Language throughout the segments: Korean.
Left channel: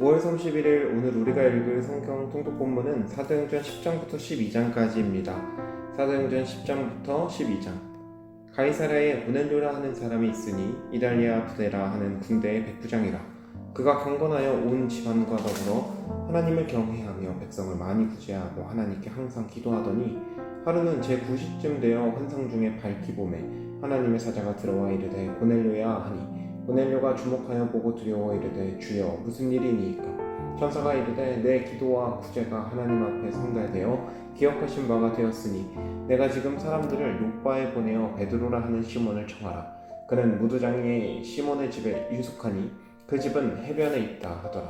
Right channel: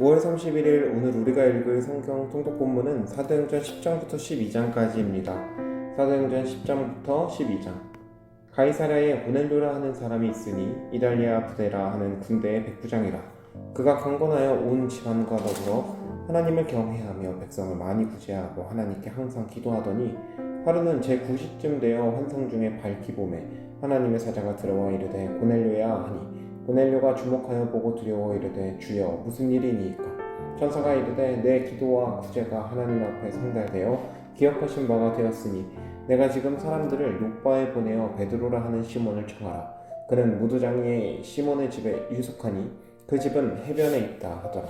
5월 31일 오늘 우리가 읽을 성경 통독 본문은 사도행전 10장부터 12장까지입니다. 사도행전 10장부터 12장. 가이사랴에 고넬료라 하는 사람이 있으니 이달리아 부데라 하는 군대의 백부장이라. 그가 경건하여 온 집안과 더불어 하나님을 경외하며 백성을 많이 구제하고 하나님께 항상 기도하더니 하루는 제9시쯤 되어 환상 중에 밝기 봄에 하나님의 사자가 들어와 이르되 고넬료야 하니 고넬료가 주목하여 보고 두려워 이르되 주여 무슨 일이니이까. 천사가 이르되 내 기도와 구제가 하나님 앞에 상달되어 기억하신 바가 되었으니 내가 지금 사람들을 욥바에 보내어 베드로라 하는 시몬을 청하라. 그는 무두장이의 시몬의 집에 유숙하니 그 집은 해변에 있다 하더라.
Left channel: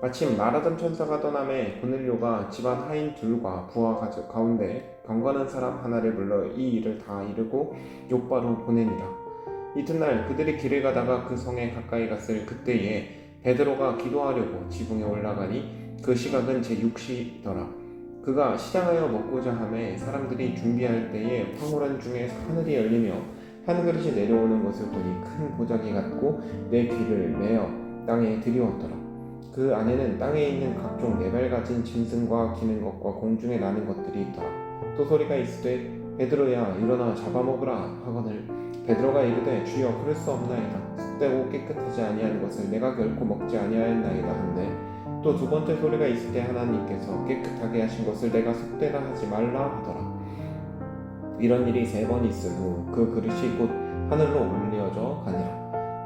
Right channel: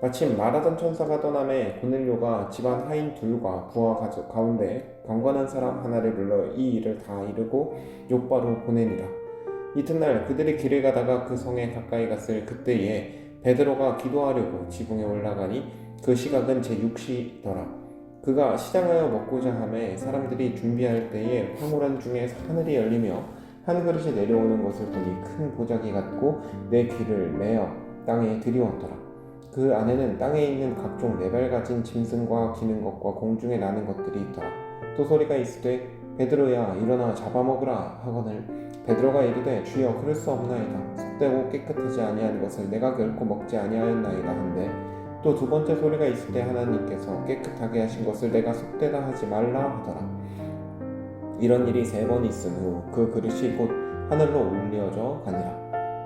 마침 말하던 천사가 떠남에 고넬료가 집안 하인 둘과 부하 가운데 경건한 사람 하나를 불러 이 일을 다 이르고 욥바로 보내니라. 이튿날 그들이 길을 가다가 그 성에 가까이 갔을 그때에 베드로가 기도하려고 지붕에 올라가니 그 시각은 제6시더라. 그가 시장하여 먹고자 하매 사람들이 준비할 때에 황홀한 중에 하늘이 열리며 한 그릇이 내려오는 것을 보니 큰 보자기 같고 내 귀를 메어 땅에 들이웠더라. 그 안에는 땅에 있는 각종 네발 가진 짐승과 기는 것과 공중에 나는 것들이 있더라. 또 소리가 있으되 베드로야 일어나 잡아먹으라 하거늘 베드로가 이르되 주여 그럴 수 없나이다. 습되고 깨끗하지 아니한 것을 내가 결코 먹지 아니하였나이다 한데 또 두 번째 소리가 있을 때 하나님께서 깨끗하게 하신 것을 내가 습되다 하지 말라 하더라. 이런 일이 3번 있은 후 그 그릇이 곧 하늘로 올려져 가니라.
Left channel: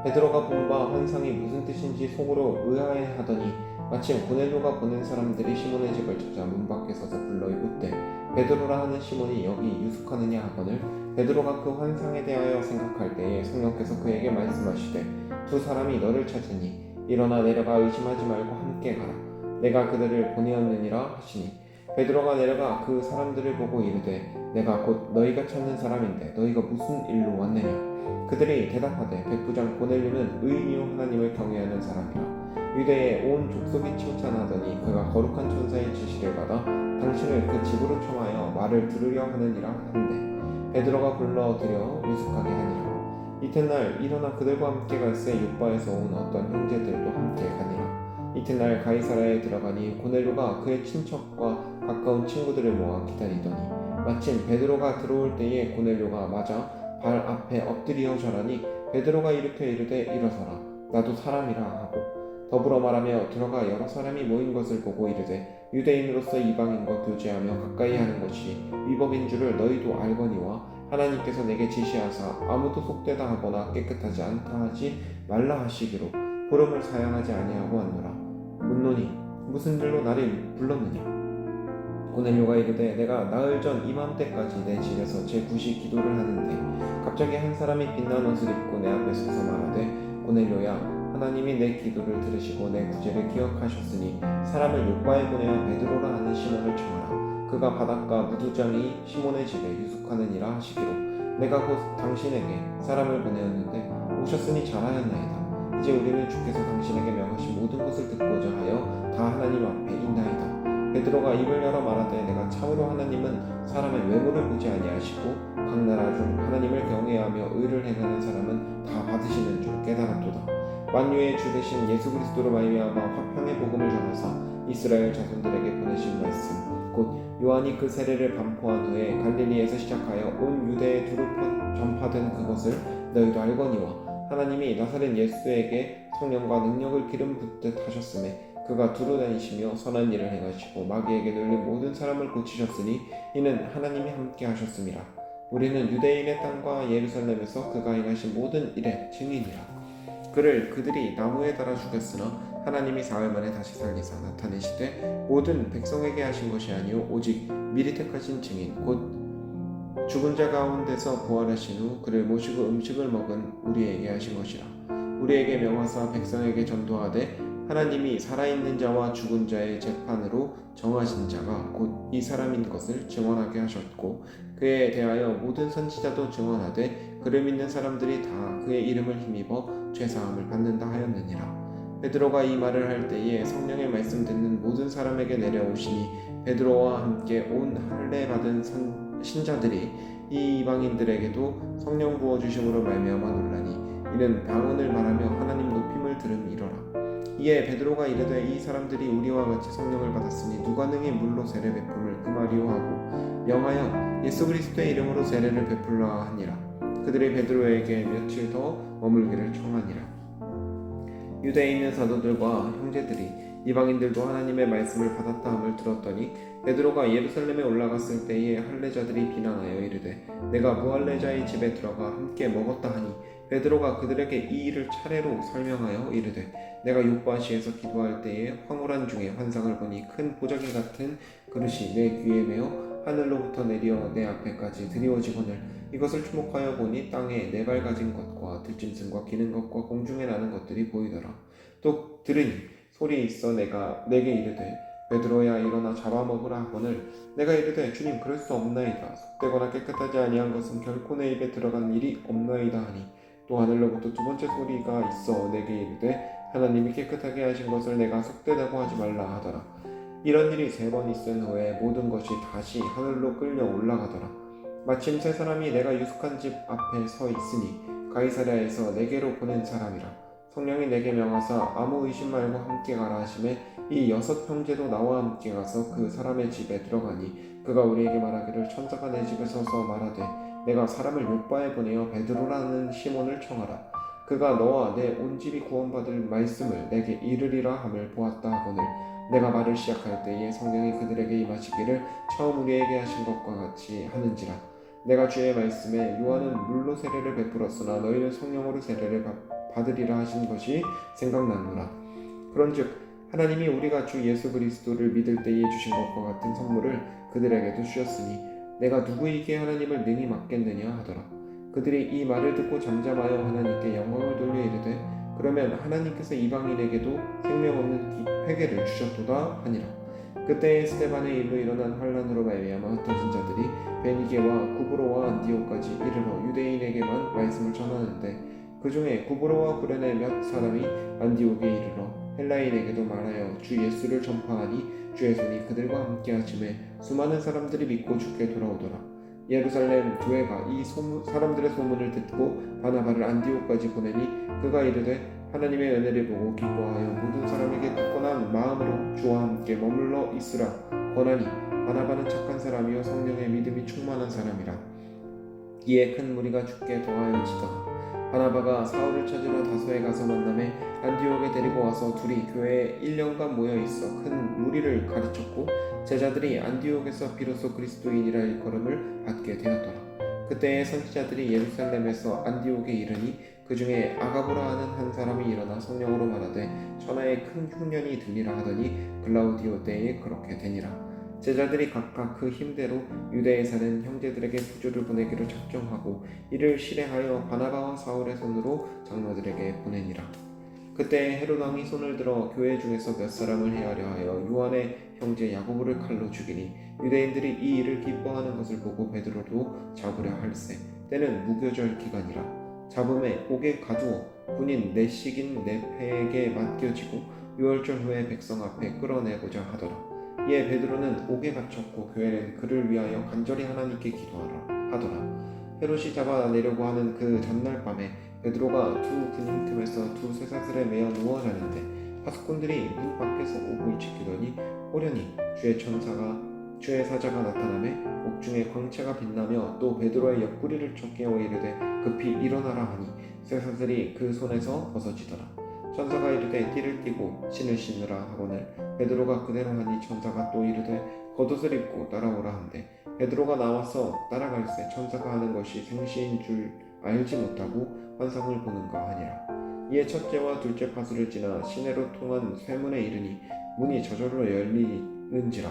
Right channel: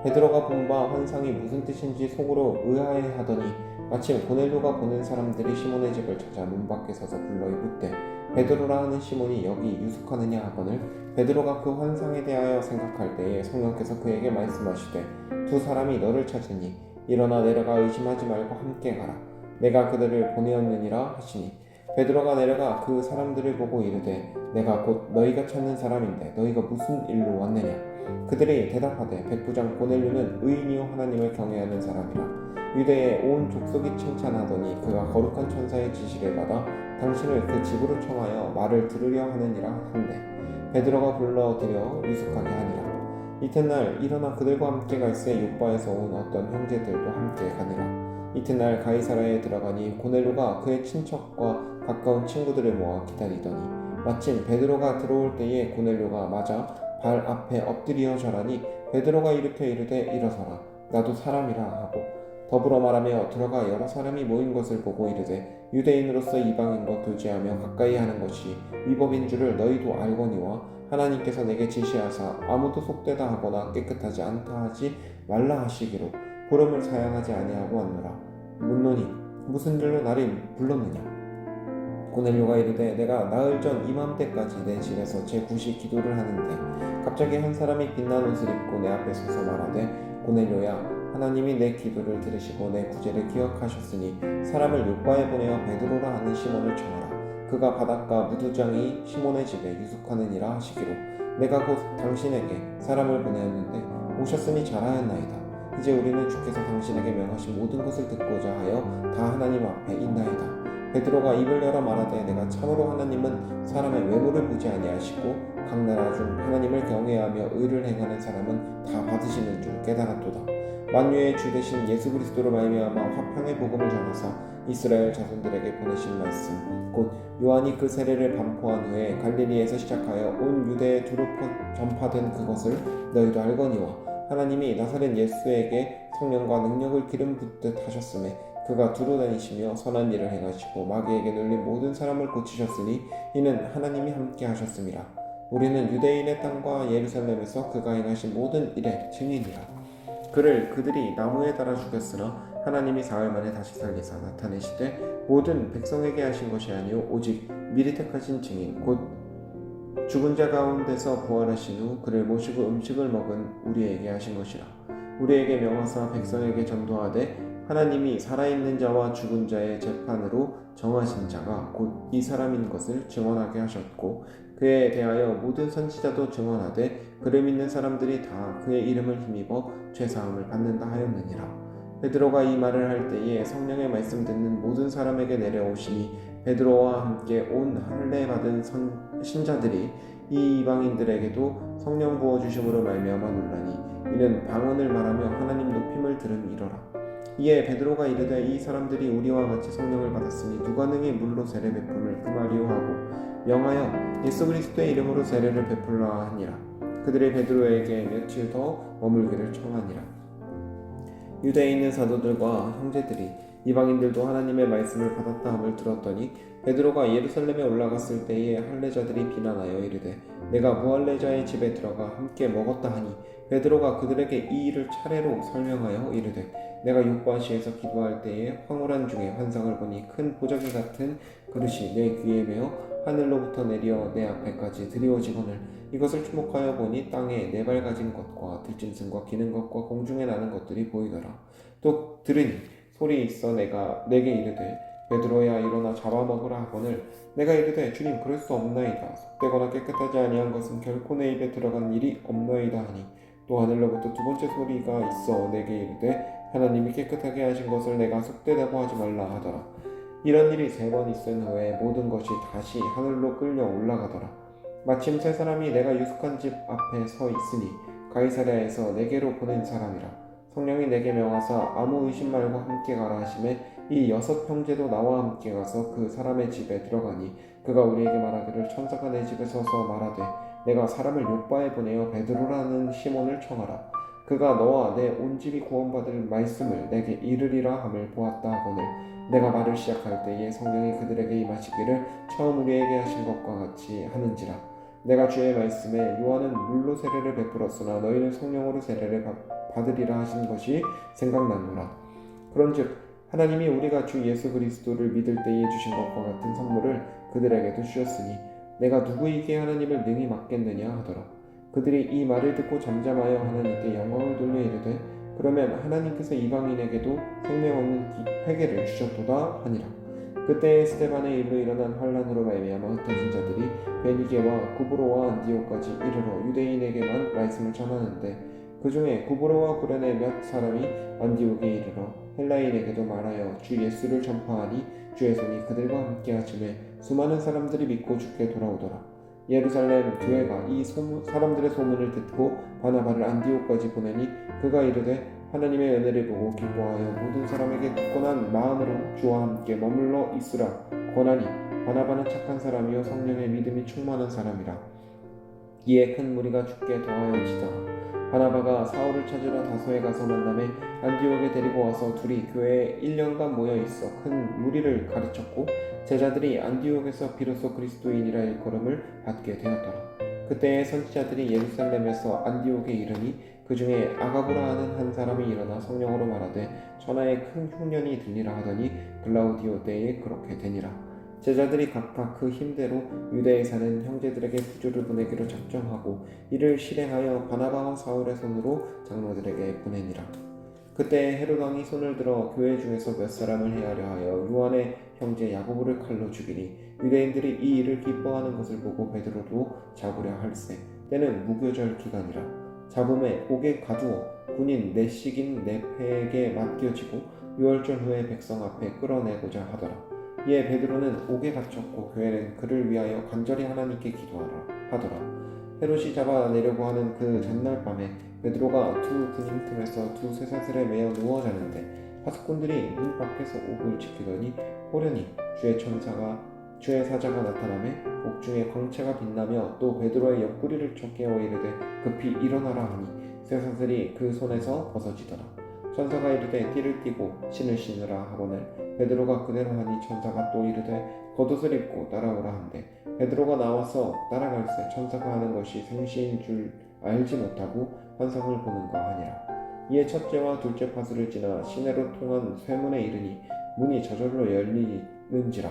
베드로가 본 바 환상이 무슨 뜻인지 속으로 의아해하더니 마침 고넬료가 보낸 사람들이 시몬의 집을 찾아 문 밖에 서서 불러 이르되 베드로라 하는 시몬이 여기 유숙하느냐 하거늘 베드로가 그 환상에 대하여 생각할 때에 성령께서 그에게 말씀하시되 두 사람이 너를 찾으니 일어나 내려가 의심하지 말고 함께 가라. 내가 그들을 보내었느니라 하시니 베드로가 내려가 그 사람들을 보고 이르되 내가 곧 너희가 찾는 사람인데 너희가 무슨 일로 왔느냐. 그들이 대답하되 백부장 고넬료는 의인이요 하나님을 경외하는 사람이라. 유대의 온 족속이 칭찬하더니 그가 거룩한 천사의 지시를 받아 당신을 그 집으로 청하여 말을 들으려 하느니라 한데 베드로가 불러들여 유숙하게 하니라. 이튿날 일어나 그들과 함께 갈새 욥바에서 온 어떤 형제들도 함께 가니라. 이튿날 가이사랴에 들어가니 고넬료가 그의 친척과 가까운 친구들을 모아 기다리더니 마침 베드로가 들어올 때에 고넬료가 맞아 발 앞에 엎드려 절하니 베드로가 일으켜 이르되 일어서라 나도 사람이라 하고 더불어 말하며 들어가 여러 사람이 모인 것을 보고 이르되 유대인으로서 이방인과 교제하며 가까이 하는 것이 위법인 줄을 너희도 알거니와 하나님께서 내게 지시하사 아무도 속되다 하거나 깨끗하지 않다 하지 말라 하시기로 부름을 사양하지 아니하고 왔노라. 묻노니 무슨 일로 나를 불렀느냐. 고넬료가 이르되 내가 나흘 전 이맘때까지 내 집에서 제9시 기도를 하는데 갑자기 한 사람이 빛난 옷을 입고 내 앞에 서서 말하되 고넬료야 하나님이 내 기도를 들으시고 내 구제를 기억하셨으니 사람을 욥바에 보내어 베드로라 하는 시몬을 청하라. 그가 바닷가 무두장이 시몬의 집에 유숙하느니라 하시기로 내가 곧 당신에게 사람을 보내었는데 오셨으니 잘하였나이다. 이제 우리는 주께서 당신에게 명하신 모든 것을 듣고자 하여 다 하나님 앞에 있나이다. 베드로가 입을 열어 말하되 내가 참으로 하나님은 사람의 외모를 보지 아니하시고 각 나라 중 하나님을 경외하며 의를 행하는 사람은 다 받으시는 줄 깨달았도다. 만유의 주 되신 예수 그리스도로 말미암아 화평의 복음을 전하사 이스라엘 자손들에게 보내신 말씀 곧 요한이 그 세례를 반포한 후에 갈릴리에서 시작하여 온 유대에 두루 전파된 그것을 너희도 알거니와 하나님이 나사렛 예수에게 성령과 능력을 기름 붓듯 하셨음에 그가 두루 다니시며 선한 일을 행하시고 마귀에게 눌린 모든 사람을 고치셨으니 이는 하나님이 함께 하셨음이라. 우리는 유대인의 땅과 예루살렘에서 그가 행하신 모든 일의 증인이라. 그들이 나무에 달아 죽였으나 하나님이 사흘 만에 다시 살리사 나타내시되 모든 백성에게 하신 것이 아니요 오직 미리 택하신 증인 곧 죽은 자 가운데서 부활하신 후 그를 모시고 음식을 먹은 우리에게 하신 것이라. 우리에게 명하사 백성에게 전도하되 하나님이 살아있는 자와 죽은 자의 재판으로 정하신 자가 곧 이 사람인 것을 증언하게 하셨고 그에 대하여 모든 선지자도 증언하되 그를 믿는 사람들이 다 그의 이름을 힘입어 죄사함을 받는다 하였느니라. 베드로가 이 말을 할 때에 성령의 말씀 듣는 모든 사람에게 내려오시니 베드로와 함께 온 할례 받은 신자들이 이 이방인들에게도 성령 부어주심으로 말미암아 놀라니 이는 방언을 말하며 하나님 높임을 들음이로라. 이에 베드로가 이르되 이 사람들이 우리와 같이 성령을 받았으니 누가 능히 물로 세례 베품을 금하리요 하고 명하여 예수 그리스도의 이름으로 세례를 베풀라 하니라. 그들이 베드로에게 며칠 더 머물기를 청하니라. 유대에 있는 사도들과 형제들이 이방인들도 하나님의 말씀을 받았다 함을 들었더니 베드로가 예루살렘에 올라갔을 때에 할례자들이 비난하여 이르되 내가 무할례자의 집에 들어가 함께 먹었다 하니 베드로가 그들에게 이 일을 차례로 설명하여 이르되 내가 요바시에서 기도할 때에 황홀한 중에 환상을 보니 큰 보자기 같은 그릇이 내 귀에 매어 하늘로부터 내려 내 앞에까지 드리워지거늘 이것을 주목하여 보니 땅에 네 발 가진 것과 들짐승과 기는 것과 공중에 나는 것들이 보이더라. 또 들으니 소리 있어 내게 이르되 베드로야 일어나 잡아먹으라 하거늘 내가 이르되 주님 그럴 수 없나이다. 속되거나 깨끗하지 아니한 것은 결코 내 입에 들어간 일이 없나이다 하니 또 하늘로부터 두 번째 소리가 있어 내게 이르되 하나님이 깨끗하게 하신 것을 내가 속되다고 하지 말라 하더라. 이런 일이 3번 있은 후에 모든 것이 다시 하늘로 끌려 올라가더라. 마침 세 사람이 내가 유숙한 집 앞에 서 있으니 가이사랴에서 내게로 보낸 사람이라. 성령이 내게 명하사 아무 의심 말고 함께 가라 하시매 이 6 형제도 나와 함께 가서 그 사람의 집에 들어가니 그가 우리에게 말하기를 천사가 내 집에 서서 말하되 내가 사람을 요바에 보내어 베드로라는 시몬을 청하라. 그가 너와 내 온 집이 구원받을 말씀을 내게 이르리라 함을 보았다 하거늘 내가 말을 시작할 때에 성령이 그들에게 임하시기를 처음 우리에게 하신 것과 같이 하는지라. 내가 주의 말씀에 요한은 물로 세례를 베풀었으나 너희는 성령으로 세례를 받으리라 하신 것이 생각나노라. 그런즉 하나님이 우리가 주 예수 그리스도를 믿을 때에 주신 것과 같은 선물을 그들에게도 주셨으니 내가 누구에게 하나님을 능히 맡겠느냐 하더라. 그들이 이 말을 듣고 잠잠하여 하나님께 영광을 돌려 이르되 그러면 하나님께서 이방인에게도 생명 없는 회개를 주셨도다 하니라. 그때 스데반의 일로 일어난 환란으로 말미암아 흩어진 자들이 베니게와 구브로와 안디오까지 이르러 유대인에게만 말씀을 전하는데 그 중에 구브로와 구레네 몇 사람이 안디옥에 이르러 헬라인에게도 말하여 주 예수를 전파하니 주의 손이 그들과 함께 하심에 수많은 사람들이 믿고 주께 돌아오더라. 예루살렘 교회가 이 사람들의 소문을 듣고 바나바를 안디옥까지 보내니 그가 이르되 하나님의 은혜를 보고 기뻐하여 모든 사람에게 굳건한 마음으로 주와 함께 머물러 있으라 권하니 바나바는 착한 사람이요 성령의 믿음이 충만한 사람이라. 이에 큰 무리가 주께 더하여 지더라. 바나바가 사울을 찾으러 다소에 가서 만나매 안디옥에 데리고 와서 둘이 교회에 1년간 모여 있어 큰 무리를 가르쳤고 제자들이 안디옥에서 비로소 그리스도인이라 일컬음을 받게 되었더라. 그때의 선지자들이 예루살렘에서 안디옥에 이르니 그 중에 아가보라 하는 한 사람이 일어나 성령으로 말하되 천하에 큰 흉년이 들리라 하더니 글라우디오 때에 그렇게 되니라. 제자들이 각각 그 힘대로 유대에 사는 형제들에게 부조를 보내기로 작정하고 이를 실행하여 바나바와 사울의 손으로 장로들에게 보내니라. 그때 헤롯 왕이 손을 들어 교회 중에서 몇 사람을 해하려 하여 요한의 형제 야고보를 칼로 죽이니 유대인들이 이 일을 기뻐하는 것을 보고 베드로도 잡으려 할세. 때는 무교절 기간이라. 잡음에 옥에 가두어 군인 내식인 네페에게 맡겨지고 6월절 후에 백성 앞에 끌어내고자 하더라. 이에 베드로는 옥에 갇혔고 교회는 그를 위하여 간절히 하나님께 기도하라 하더라. 헤롯이 잡아내려고 하는 그 전날 밤에 베드로가 두 군인 틈에서 두 쇠사슬에 매어 누워 자는데 파수꾼들이 문 밖에서 옥을 지키더니 호련히 주의 사자가 나타나매 옥중에 광채가 빛나며 또 베드로의 옆구리를 쳐 깨워 이르되 급히 일어나라 하니 쇠사슬이 그 손에서 벗어지더라. 천사가 이르되 띠를 띠고 신을 신으라 하거늘 베드로가 그대로 하니 천사가 또 이르되 겉옷을 입고 따라오라 한대 베드로가 나와서 따라갈새 천사가 하는 것이 생시인 줄 알지 못하고 환상을 보는가 하니라. 이에 첫째와 둘째 파수를 지나 시내로 통한 쇠문에 이르니 문이 저절로 열리는지라.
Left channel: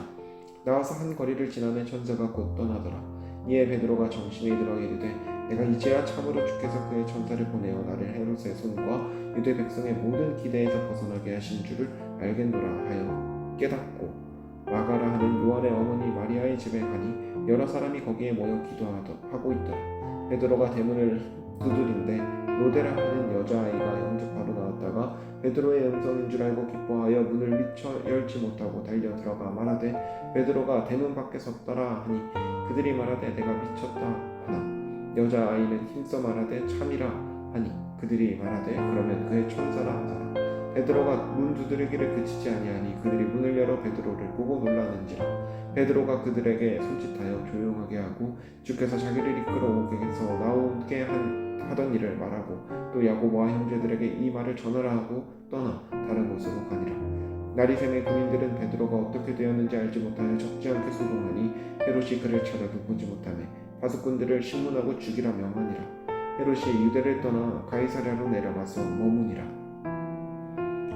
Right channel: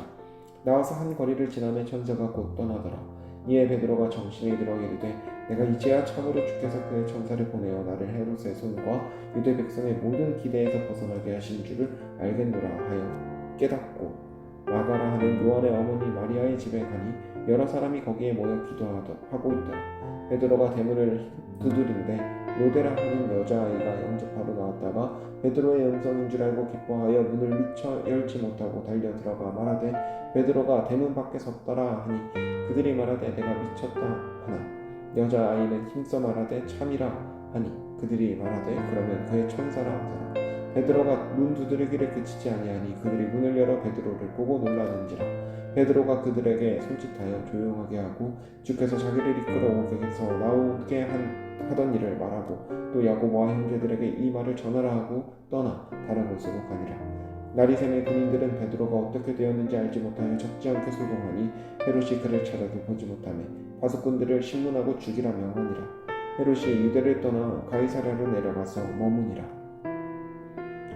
나와서 한 거리를 지나매 천사가 곧 떠나더라. 이에 베드로가 정신에 들어 이르되 내가 이제야 참으로 주께서 그의 천사를 보내어 나를 헤롯의 손과 유대 백성의 모든 기대에서 벗어나게 하신 줄을 알겠노라 하여 깨닫고 마가라 하는 요한의 어머니 마리아의 집에 가니 여러 사람이 거기에 모여 기도하고 있더라. 베드로가 대문을 두드린데 로데라 하는 여자아이가 영접하러 나왔다가 베드로의 음성인 줄 알고 기뻐하여 문을 미처 열지 못하고 달려 들어가 말하되 베드로가 대문 밖에 섰더라 하니 그들이 말하되 내가 미쳤다 하나 여자아이는 힘써 말하되 참이라 하니 그들이 말하되 그러면 그의 천사라 하더라. 베드로가 문 두드리기를 그치지 아니하니 그들이 문을 열어 베드로를 보고 놀라는지라. 베드로가 그들에게 손짓하여 조용하게 하고 주께서 자기를 이끌어 오게해서 나오게 하던 일을 말하고 또 야고보와 형제들에게 이 말을 전하라 하고 떠나 다른 곳으로 가니라. 나리샘의 군인들은 베드로가 어떻게 되었는지 알지 못하여 적지 않게 소동하니 헤롯이 그를 찾아도 보지 못하며 파수꾼들을 신문하고 죽이라 명하니라. 헤롯이 유대를 떠나 가이사랴로 내려가서 머무니라.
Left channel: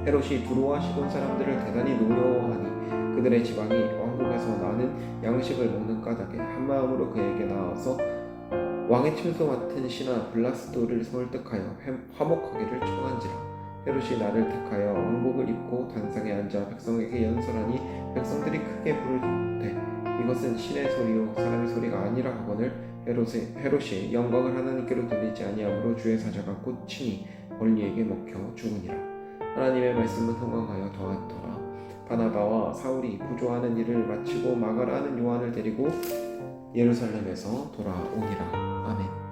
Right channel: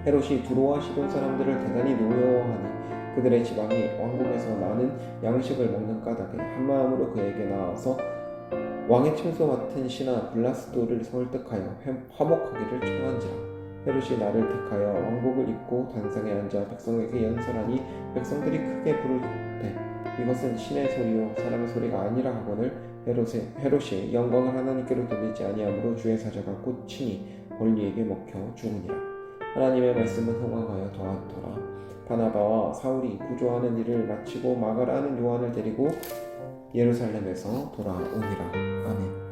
헤롯이 두로와 시돈 사람들을 대단히 노여워하니 그들의 지방이 왕국에서 나는 양식을 먹는 까닭에 한마음으로 그에게 나와서 왕의 침소 맡은 신하 블라스도를 설득하여 화목하기를 청한지라. 헤롯이 나를 택하여 왕복을 입고 단상에 앉아 백성에게 연설하니 백성들이 크게 부르되 이것은 신의 소리요 사람의 소리가 아니라 하거늘 헤롯이 영광을 하나님께로 돌리지 아니하므로 주의 사자가 꽂히니 권리에게 먹혀 죽으니라. 하나님의 말씀은 흥왕하여 더하더라. 바나바와 사울이 구조하는 일을 마치고 마가라는 요한을 데리고 예루살렘에서 돌아오니라. 아멘.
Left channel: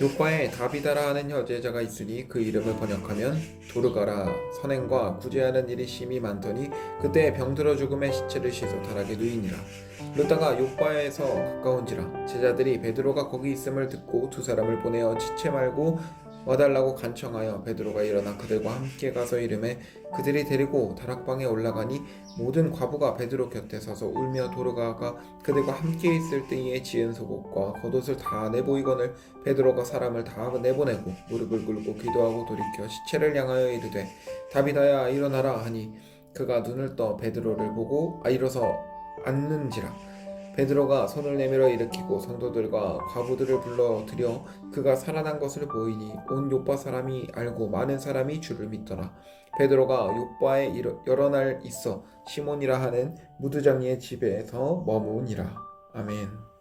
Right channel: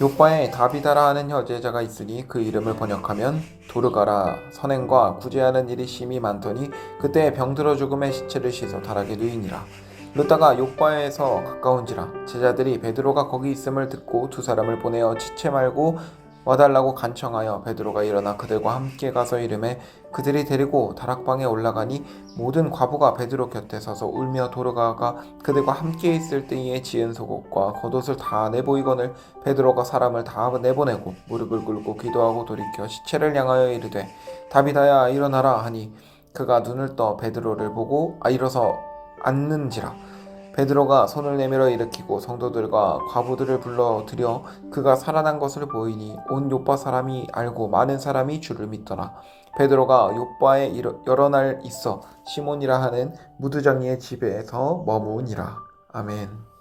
요바에 다비다라 하는 여제자가 있으니 그 이름을 번역하면 도르가라. 선행과 구제하는 일이 심히 많더니 그때 병들어 죽음의 시체를 씻어 달하게 되이니라. 루다가 요바에서 가까운지라. 제자들이 베드로가 거기 있음을 듣고 두 사람을 보내어 지체 말고 와달라고 간청하여 베드로가 일어나 그들과 함께 가서 이르매 그들이 데리고 다락방에 올라가니 모든 과부가 베드로 곁에 서서 울며 도르가가 그들과 함께 있을 때에 지은 속옷과 겉옷을 다 내보이거늘 베드로가 사람을 다 내보내고 무릎을 꿇고 기도하고 돌이켜 시체를 향하여 이르되 다비다야 일어나라 하니 그가 눈을 떠 베드로를 보고 일어서 앉는지라. 베드로가 손을 내밀어 일으키고 성도들과 과부들을 불러들여 그가 살아난 것을 보이니 온 요파 사람이 알고 많은 사람이 주를 믿더라. 베드로가 요파에 여러 날 있어 시몬이라 하는 무두장이의 집에서 머무니라. 아멘.